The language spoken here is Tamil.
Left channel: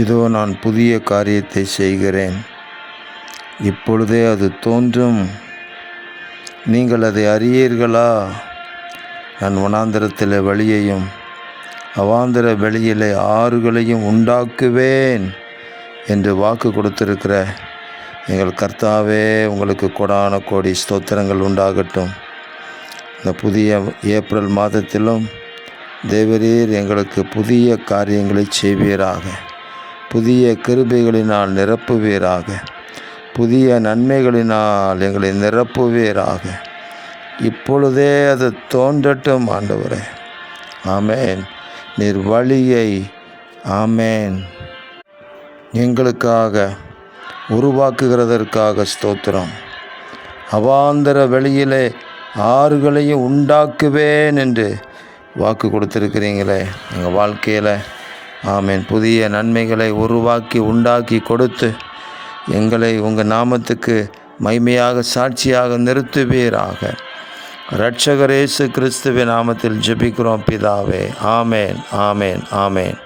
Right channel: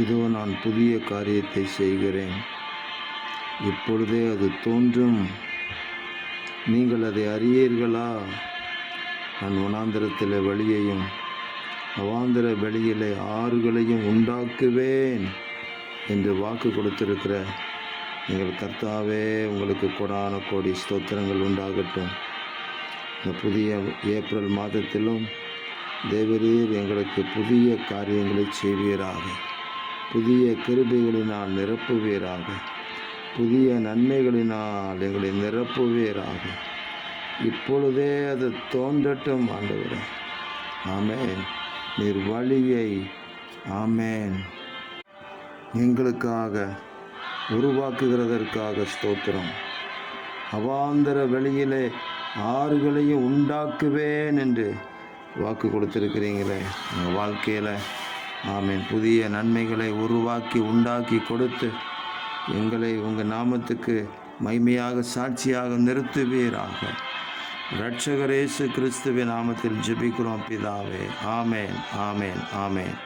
இதோ நான் புதிய காரியத்தை செய்கிறேன், இப்பொழுதே அது தோன்றும், நீங்கள் அதை அறியீர்களா? நான் வனாந்திரத்தில் வழியையும் அவாந்திர வெளியிலே ஆறுகளையும் உண்டாக்குவேன் என்று வாக்கு கொடுத்திருக்கிற எங்கள் கர்த்தாவே, உங்களுக்கு கொடான கோடி ஸ்தோத்திரங்கள் உண்டாகட்டும். இந்த புதிய ஏப்ரல் மாதத்திலும் தேவரீர் எங்களுக்கு புதிய காரியங்களை செய்வீராக, புதிய கிருபைகளினால் நிரப்புவீராக, புதிய நன்மைகளினால் எங்களை நிரப்புவீராக. இப்பொழுதே அது தோன்றட்டும் ஆண்டவரே. ஆமேன். நீர் வழியை ஆமேன் எங்களுக்காக உருவாக்குகிறதற்காக ஸ்தோத்திரம். அவாந்தர வெளியிலே ஆறுகளையும் உண்டாக்குவேன் என்று வாக்கு கொடுத்துருக்கிறீங்களே எங்கள் வாழ்க்கையில். ஆமேன். புதிய நன்மைகளை உருவாக்கி உண்டாக்கி கொடுத்து எங்களை உங்கள் நாமத்துக்கு மகிமையாக சாட்சியாக நிறுத்துவீராக. இரட்சகர் இயேசு கிறிஸ்துவின் நாமத்தில் ஜெபிக்கிறோம் பிதாவே. ஆமேன், ஆமேன், ஆமேன்.